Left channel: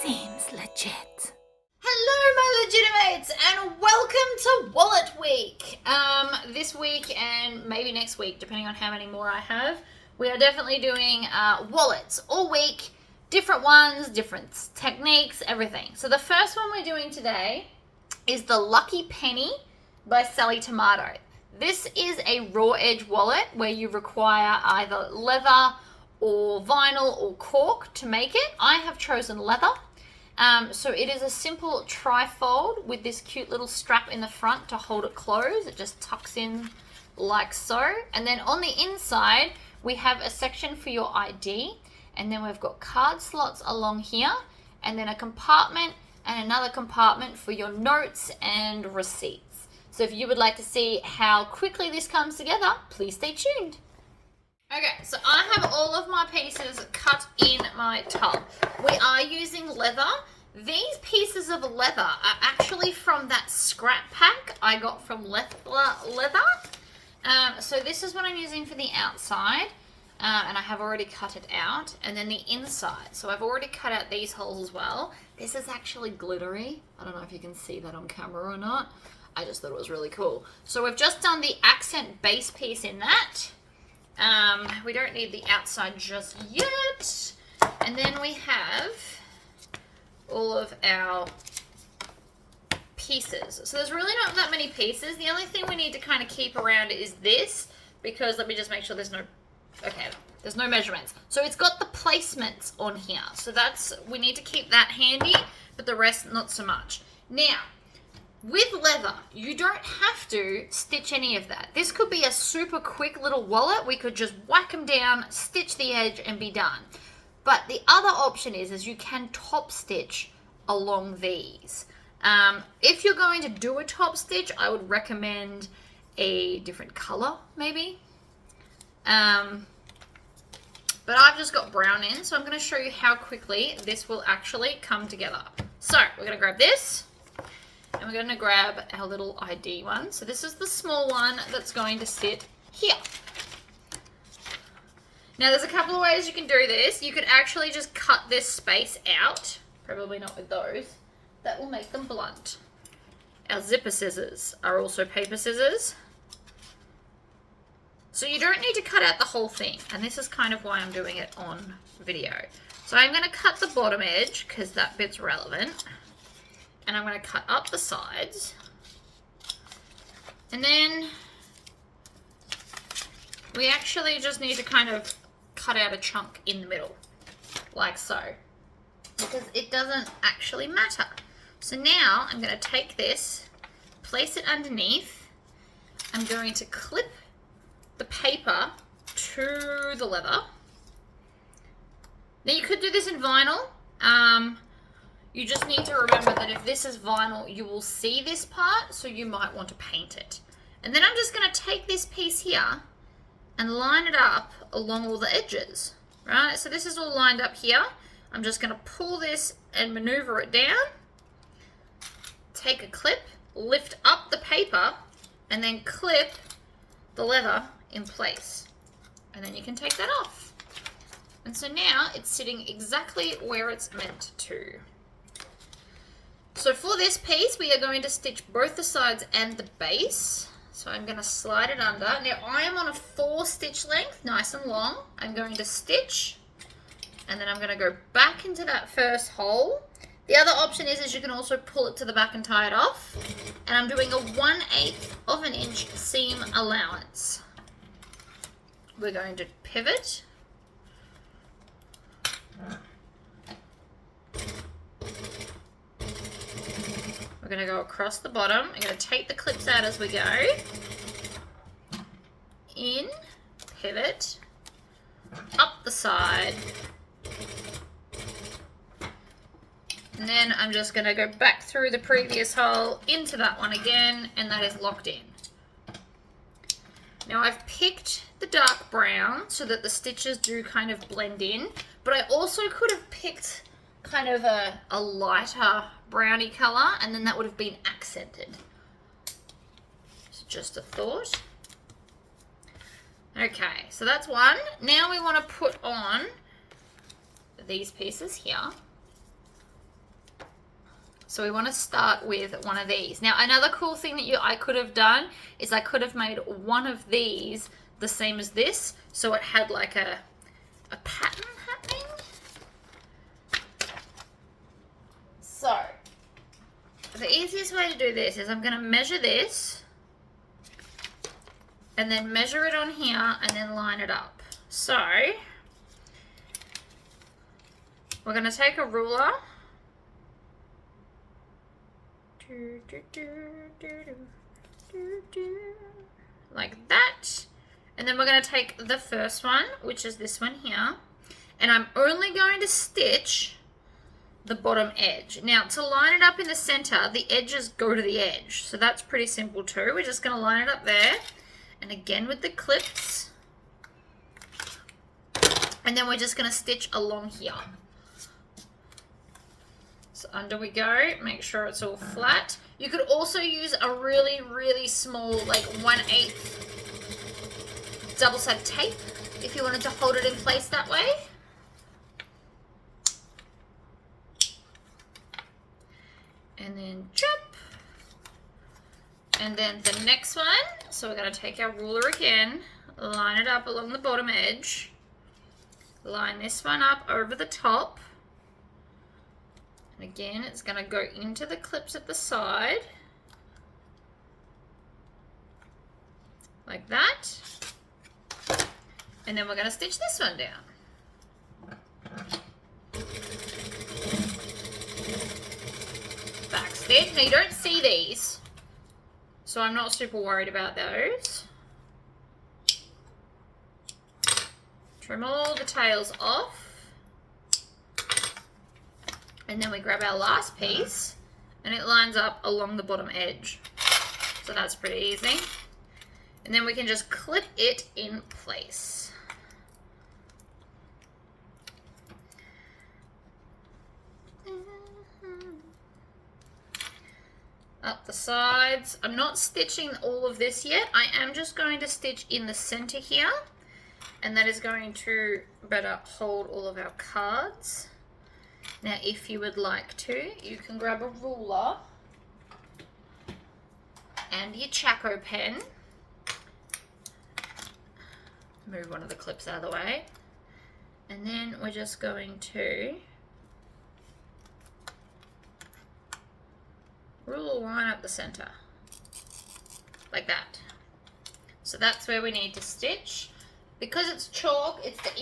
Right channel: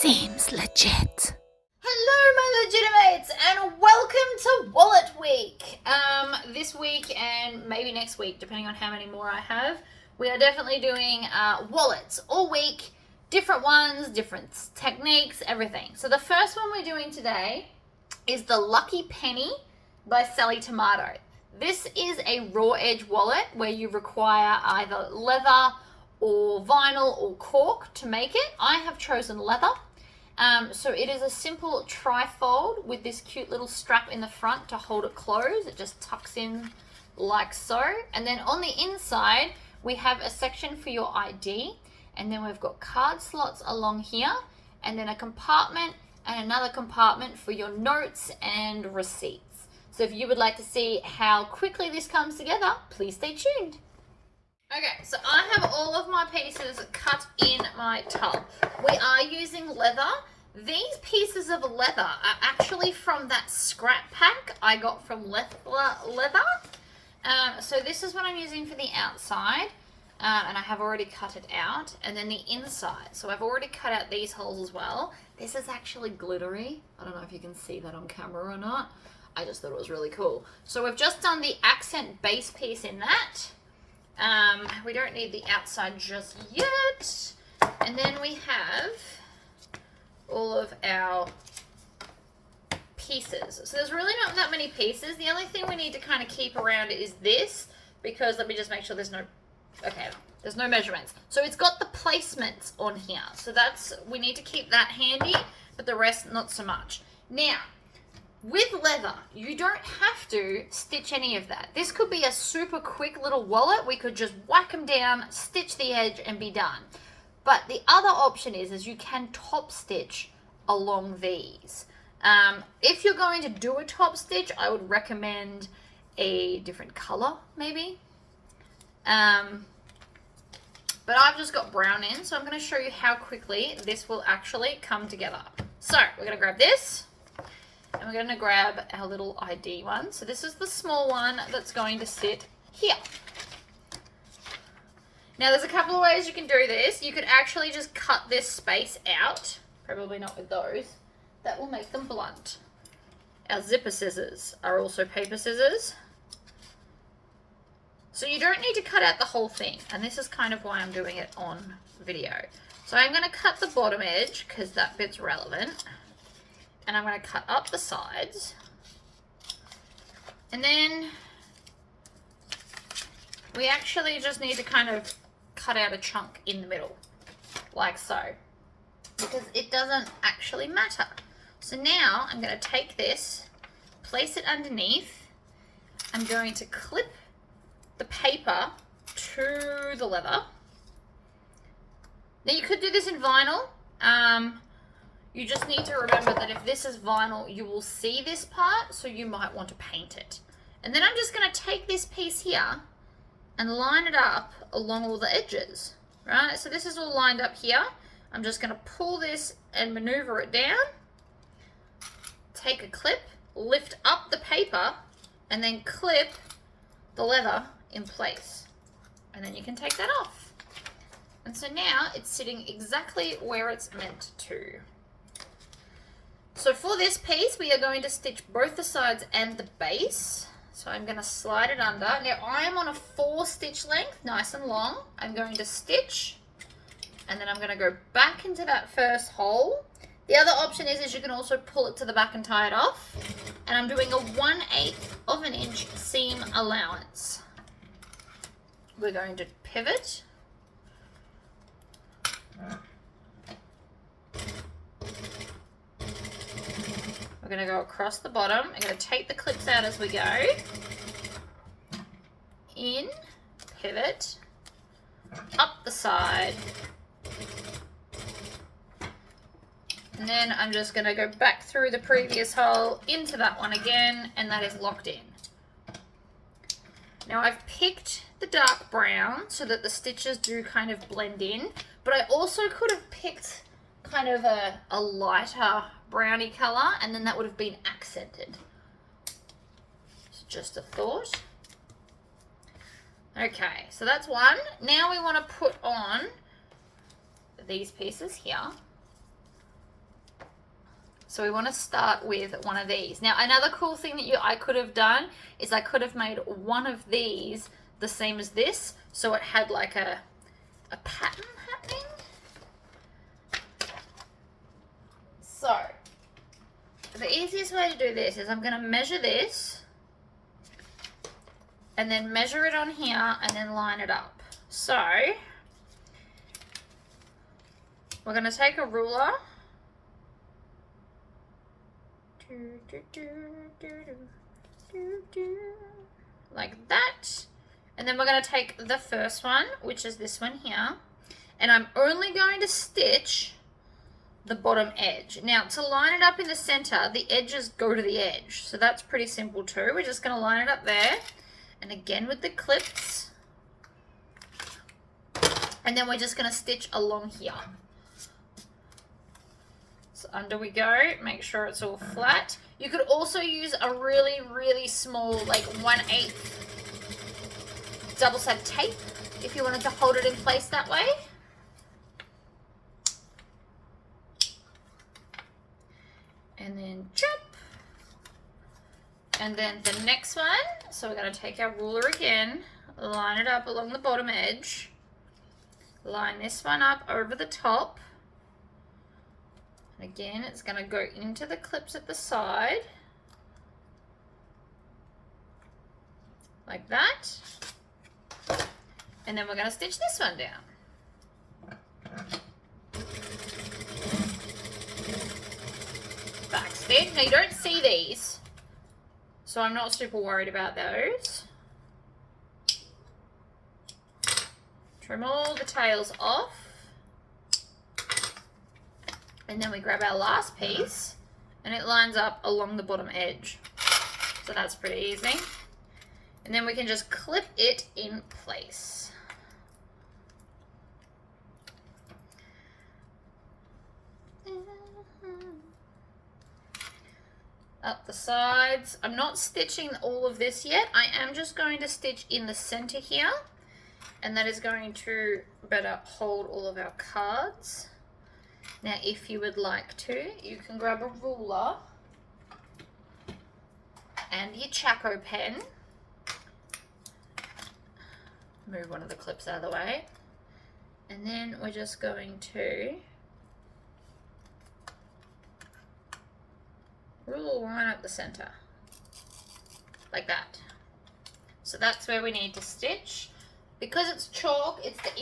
Seems legit. Hello, my legitimates, and welcome to Wallet Week. This week and maybe next week, depending on how many more I have, we are definitely doing wallets all week. Different ones, different techniques, everything. So the first one we're doing today is the Lucky Penny by Sallie Tomato. This is a raw edge wallet where you require either leather or vinyl or cork to make it. I have chosen leather. So it is a simple tri-fold with this cute little strap in the front to hold it closed. It just tucks in like so. And then on the inside, we have a section for your ID. And then we've got card slots along here. And then a compartment and another compartment for your notes and receipts. So if you would like to see how quickly this comes together, please stay tuned. Okay, so I have all of my pieces cut in my tub. We are using leather. These pieces of leather are actually from that scrap pack I got from Leather. So this is what I'm using for the outside, and I have already cut it out. And then the inside, so I've already cut out these holes as well. This is actually glittery. I don't know if you can see that on camera or not. I just thought it was really cool. So we've just done the accent base piece in that. We don't need the outside just yet. And then we have all of our pieces. So there's really not that many pieces. The only thing we need to kind of keep around is this, because let me just make sure there's no measurements. So it's got the placements on here. So we need to keep that handy, but the rest not so much. Now, with leather, you don't have to stitch any of that. This could be a super quick little wallet. We could just whack them down, stitch the edge, and be done. But the other option is you can top stitch along these. If you're going to do a top stitch, I would recommend a different color, maybe. But I've just got brown in, so I'm going to show you how quickly this will actually come together. So we're going to grab this. And we're going to grab our little ID one. So this is the small one that's going to sit here. Now there's a couple of ways you can do this. You could actually just cut this space out. Probably not with those. That will make them blunt. Our zipper scissors are also paper scissors. So you don't need to cut out the whole thing. And this is kind of why I'm doing it on video. So I'm going to cut the bottom edge because that bit's relevant. And I'm going to cut up the sides. And then we actually just need to kind of cut out a chunk in the middle, like so, because it doesn't actually matter. So now I'm going to take this, place it underneath. I'm going to clip the paper to the leather. Now you could do this in vinyl. You just need to remember that if this is vinyl, you will see this part, so you might want to paint it. And then I'm just going to take this piece here and line it up along all the edges, right? So this is all lined up here. I'm just going to pull this and maneuver it down, take a clip, lift up the paper, and then clip the leather in place. And then you can take that off. And so now it's sitting exactly where it's meant to. So for this piece, we are going to stitch both the sides and the base. So I'm going to slide it under. Now I am on a 4 stitch length, nice and long. I'm going to stitch, and then I'm going to go back into that first hole. The other option is you can also pull it to the back and tie it off. And I'm doing a 1/8 of an inch seam allowance. We're going to pivot. We're going to go across the bottom. I'm going to take the clips out as we go. In, pivot, up the side. And then I'm just going to go back through the previous hole into that one again, and that is locked in. Now I've picked the dark brown so that the stitches do kind of blend in, but I also could have picked kind of a lighter browny color, and then that would have been accented. So just a thought. Okay, so that's one. Now we want to put on these pieces here. So we want to start with one of these. Now, another cool thing that I could have done is I could have made one of these the same as this, so it had like a pattern happening. So, the easiest way to do this is I'm going to measure this, and then measure it on here, and then line it up. So, we're going to take a ruler, like that, and then we're going to take the first one, which is this one here, and I'm only going to stitch the bottom edge. Now, to line it up in the center, the edges go to the edge, so that's pretty simple too. We're just going to line it up there, and again with the clips, and then we're just going to stitch along here. So under we go, make sure it's all flat. You could also use a really, really small, like 1/8 double-sided tape if you wanted to hold it in place that way. And then chop. And then the next one, so we're going to take our ruler again, line it up along the bottom edge, line this one up over the top. And again, it's going to go into the clips at the side, like that. And then we're going to stitch this one down. Back stitch. Now you don't see these, so I'm not super worried about those. Trim all the tails off. And then we grab our last piece, and it lines up along the bottom edge. So that's pretty easy. And then we can just clip it in place. Up the sides. I'm not stitching all of this yet. I am just going to stitch in the center here, and that is going to better hold all of our cards. Now, if you would like to, you can grab a ruler and your Chaco pen. Move one of the clips out of the way. And then we're just going to ruler line up the center, like that. So that's where we need to stitch. Because it's chalk, it's the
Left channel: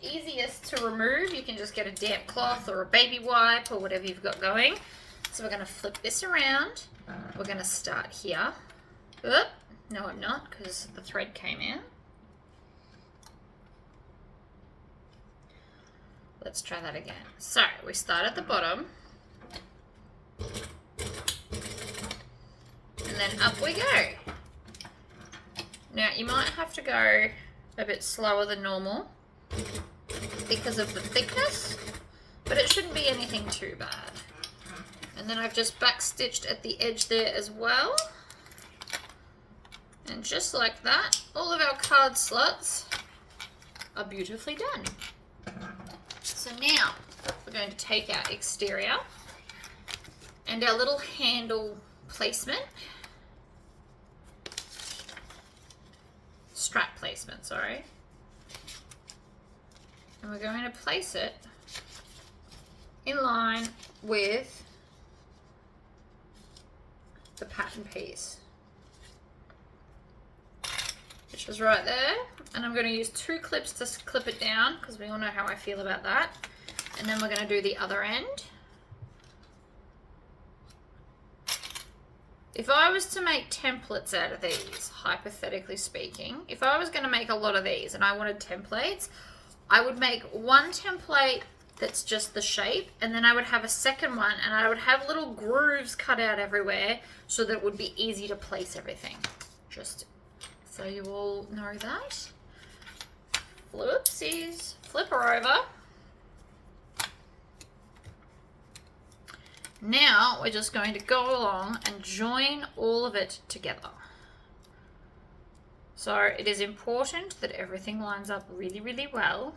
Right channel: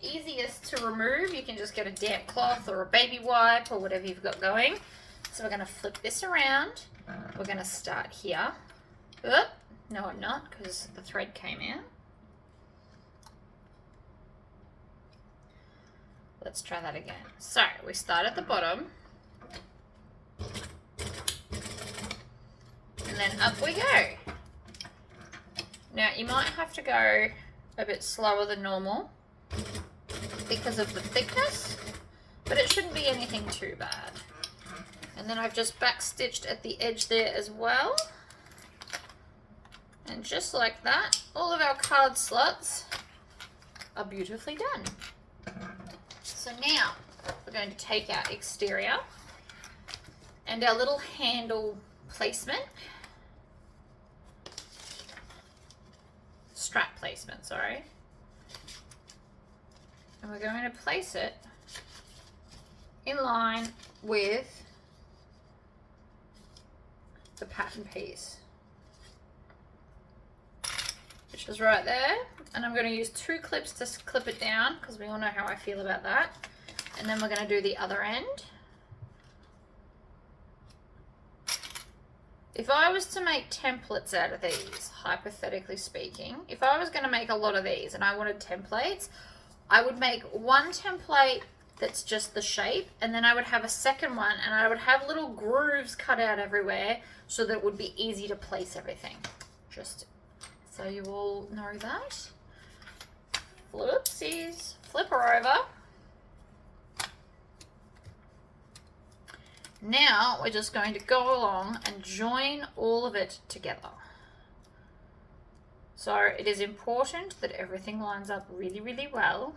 easiest to remove. You can just get a damp cloth or a baby wipe or whatever you've got going. So we're going to flip this around. We're going to start here. Oop, no, I'm not, because the thread came out. Let's try that again. So we start at the bottom, and then up we go. Now you might have to go a bit slower than normal because of the thickness, but it shouldn't be anything too bad. And then I've just back stitched at the edge there as well, and just like that, all of our card slots are beautifully done. So now we're going to take our exterior and our little handle placement, strap placement, sorry. And we're going to place it in line with the pattern piece, which is right there. And I'm going to use 2 clips to clip it down because we all know how I feel about that. And then we're going to do the other end. If I was to make templates out of these, hypothetically speaking, if I was going to make a lot of these and I wanted templates, I would make one template that's just the shape, and then I would have a second one, and I would have little grooves cut out everywhere so that it would be easy to place everything. Just so you all know that. Whoopsies. Flip her over. Now we're just going to go along and join all of it together. So it is important that everything lines up really, really well.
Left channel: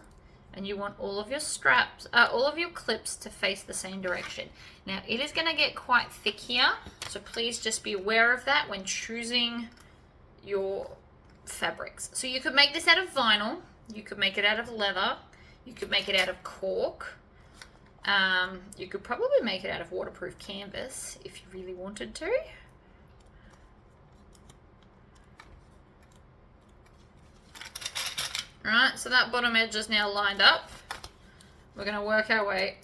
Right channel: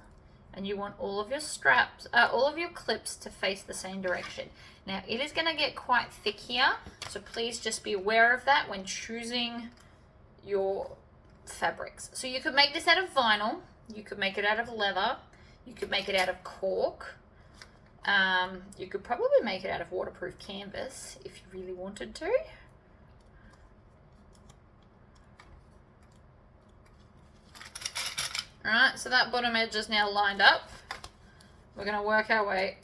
and you want all of your straps, all of your clips to face the same direction. Now it is going to get quite thick here, so please just be aware of that when choosing your fabrics. So you could make this out of vinyl, you could make it out of leather, you could make it out of cork, you could probably make it out of waterproof canvas if you really wanted to. Alright, so that bottom edge is now lined up. We're going to work our way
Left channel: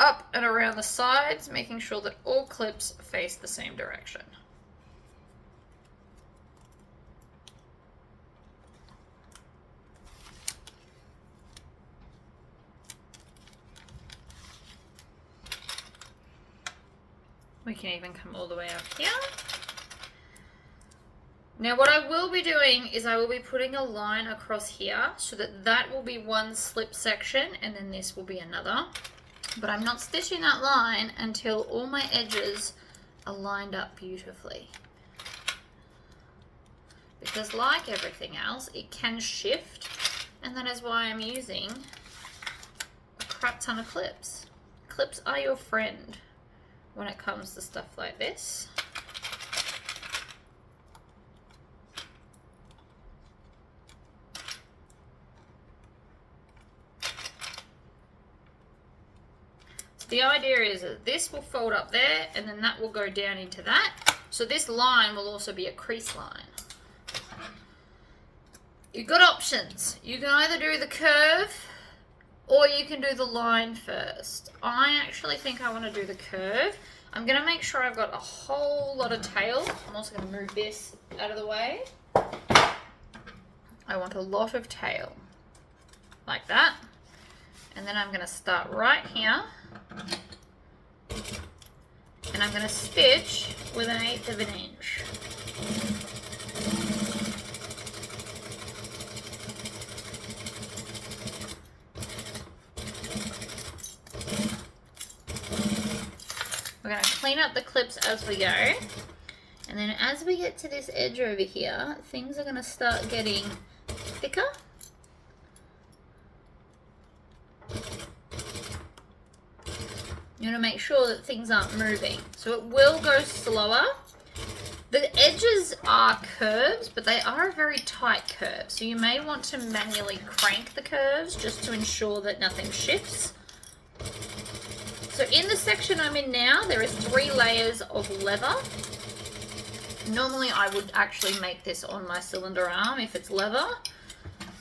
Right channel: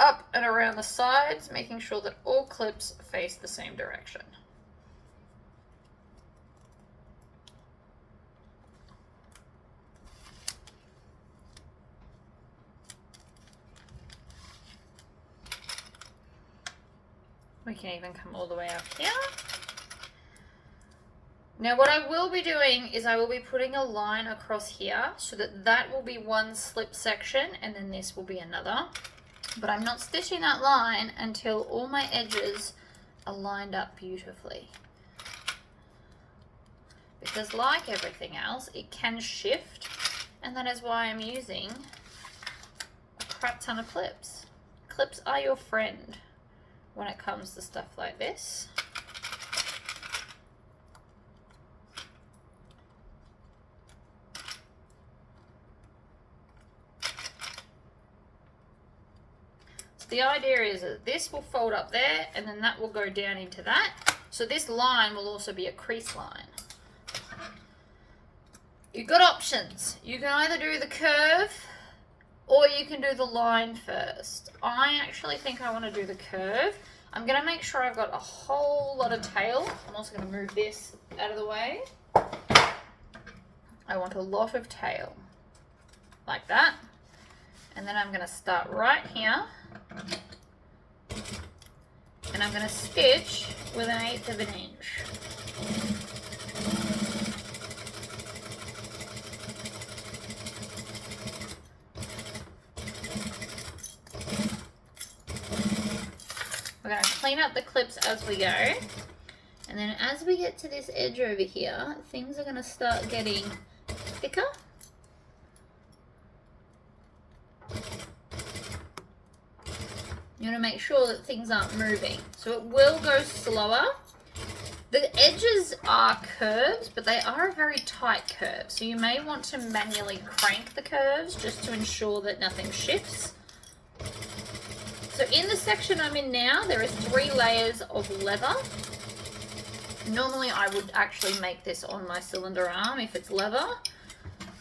up and around the sides, making sure that all clips face the same direction. We can even come all the way up here. Now what I will be doing is I will be putting a line across here so that that will be one slip section and then this will be another. But I'm not stitching that line until all my edges are lined up beautifully. Because like everything else, it can shift, and that is why I'm using a crap ton of clips. Clips are your friend when it comes to stuff like this. The idea is that this will fold up there and then that will go down into that. So this line will also be a crease line. You've got options. You can either do the curve or you can do the line first. I actually think I want to do the curve. I'm going to make sure I've got a whole lot of tail. I'm also going to move this out of the way. I want a lot of tail like that. And then I'm going to start right here. And I'm going to stitch with 1/8 of an inch. We're going to clean up the clips as we go. And then as we get to this edge over here, things are going to start getting thicker. You want to make sure that things aren't moving. So it will go slower. The edges are curves, but they are a very tight curve. So you may want to manually crank the curves just to ensure that nothing shifts. So in the section I'm in now, there are 3 layers of leather. Normally I would actually make this on my cylinder arm if it's leather,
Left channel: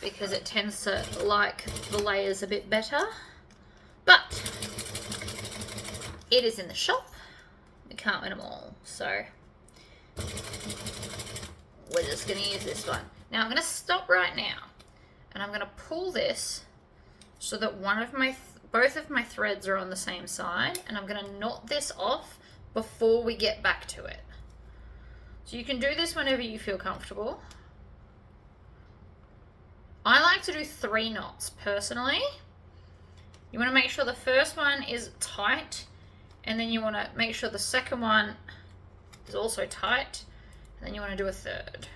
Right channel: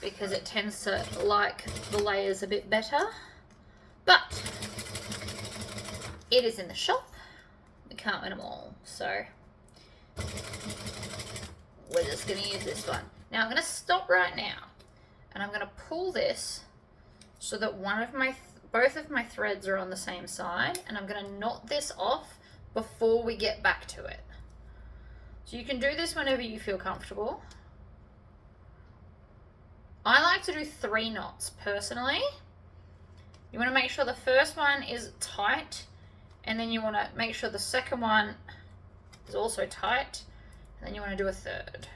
because it tends to like the layers a bit better. But it is in the shop. We can't win them all. So we're just going to use this one. Now I'm going to stop right now and I'm going to pull this so that both of my threads are on the same side, and I'm going to knot this off before we get back to it. So you can do this whenever you feel comfortable. I like to do 3 knots personally. You want to make sure the first one is tight, and then you want to make sure the second one is also tight, and then you want to do a third.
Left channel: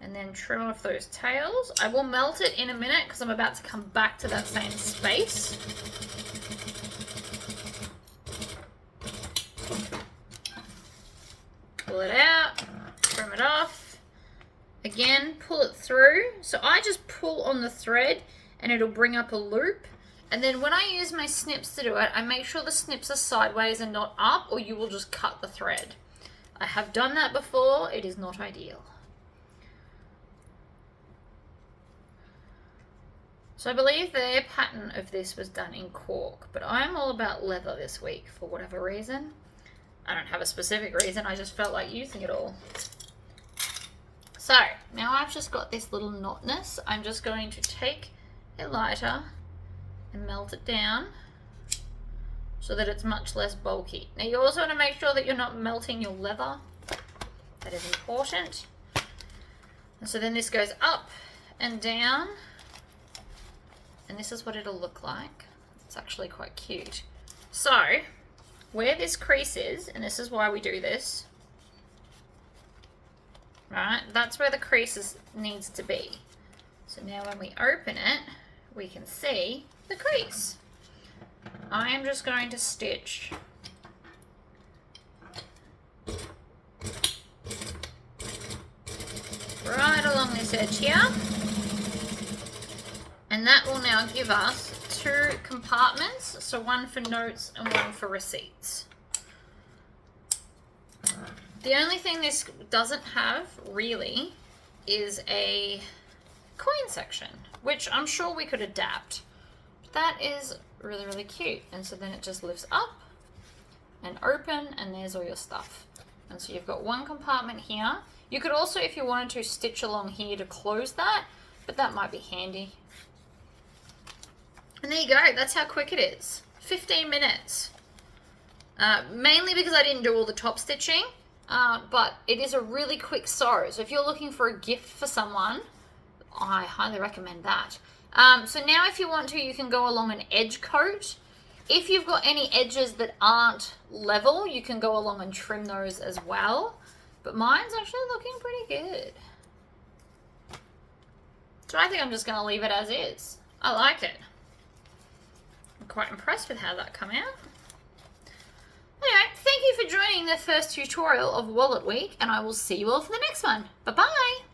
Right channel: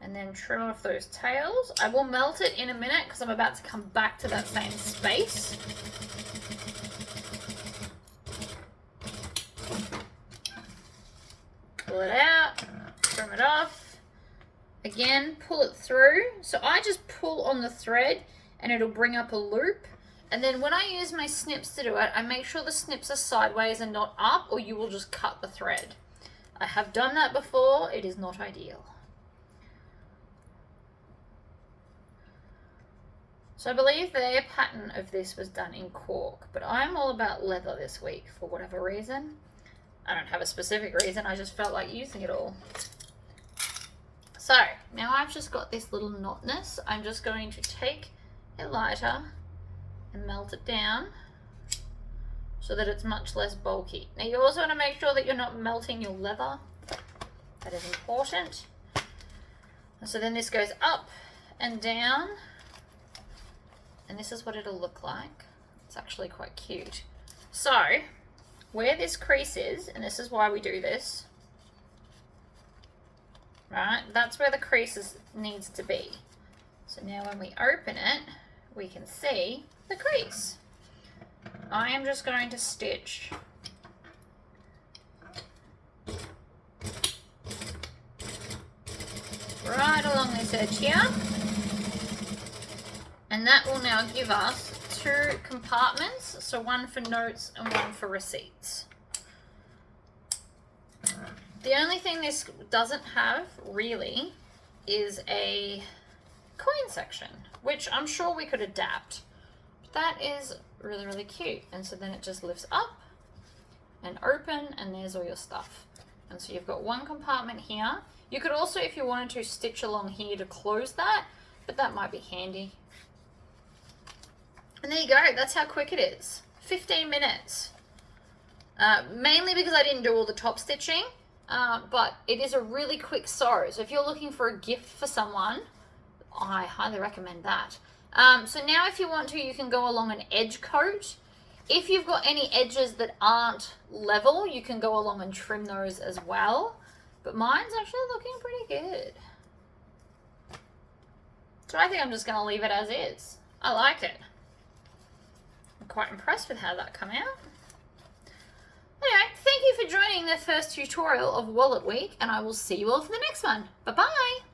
And then trim off those tails. I will melt it in a minute because I'm about to come back to that same space. Pull it out, trim it off. Again, pull it through. So I just pull on the thread and it'll bring up a loop. And then when I use my snips to do it, I make sure the snips are sideways and not up, or you will just cut the thread. I have done that before. It is not ideal. So I believe their pattern of this was done in cork, but I'm all about leather this week for whatever reason. I don't have a specific reason, I just felt like using it all. So now I've just got this little knotness. I'm just going to take a lighter and melt it down so that it's much less bulky. Now you also want to make sure that you're not melting your leather. That is important. And so then this goes up and down, and this is what it'll look like. It's actually quite cute. So where this crease is, and this is why we do this, right, that's where the crease needs to be. So now when we open it, we can see the crease. I am just going to stitch right along this edge here, and that will now give us 2 compartments, so one for notes and one for receipts. The only thing this doesn't have really is a coin section, which I'm sure we could adapt. That is really, really cute. And so then it just lifts up and open, and there's all your stuff. And so you've got one compartment here. You could also, if you wanted to, stitch along here to close that, but that might be handy. And there you go. That's how quick it is. 15 minutes. Mainly because I didn't do all the top stitching, but it is a really quick sew. So if you're looking for a gift for someone, I highly recommend that. So now if you want to, you can go along an edge coat. If you've got any edges that aren't level, you can go along and trim those as well. But mine's actually looking pretty good. So I think I'm just going to leave it as is. I like it. I'm quite impressed with how that came out. Anyway, thank you for joining the first tutorial of Wallet Week, and I will see you all for the next one. Bye-bye!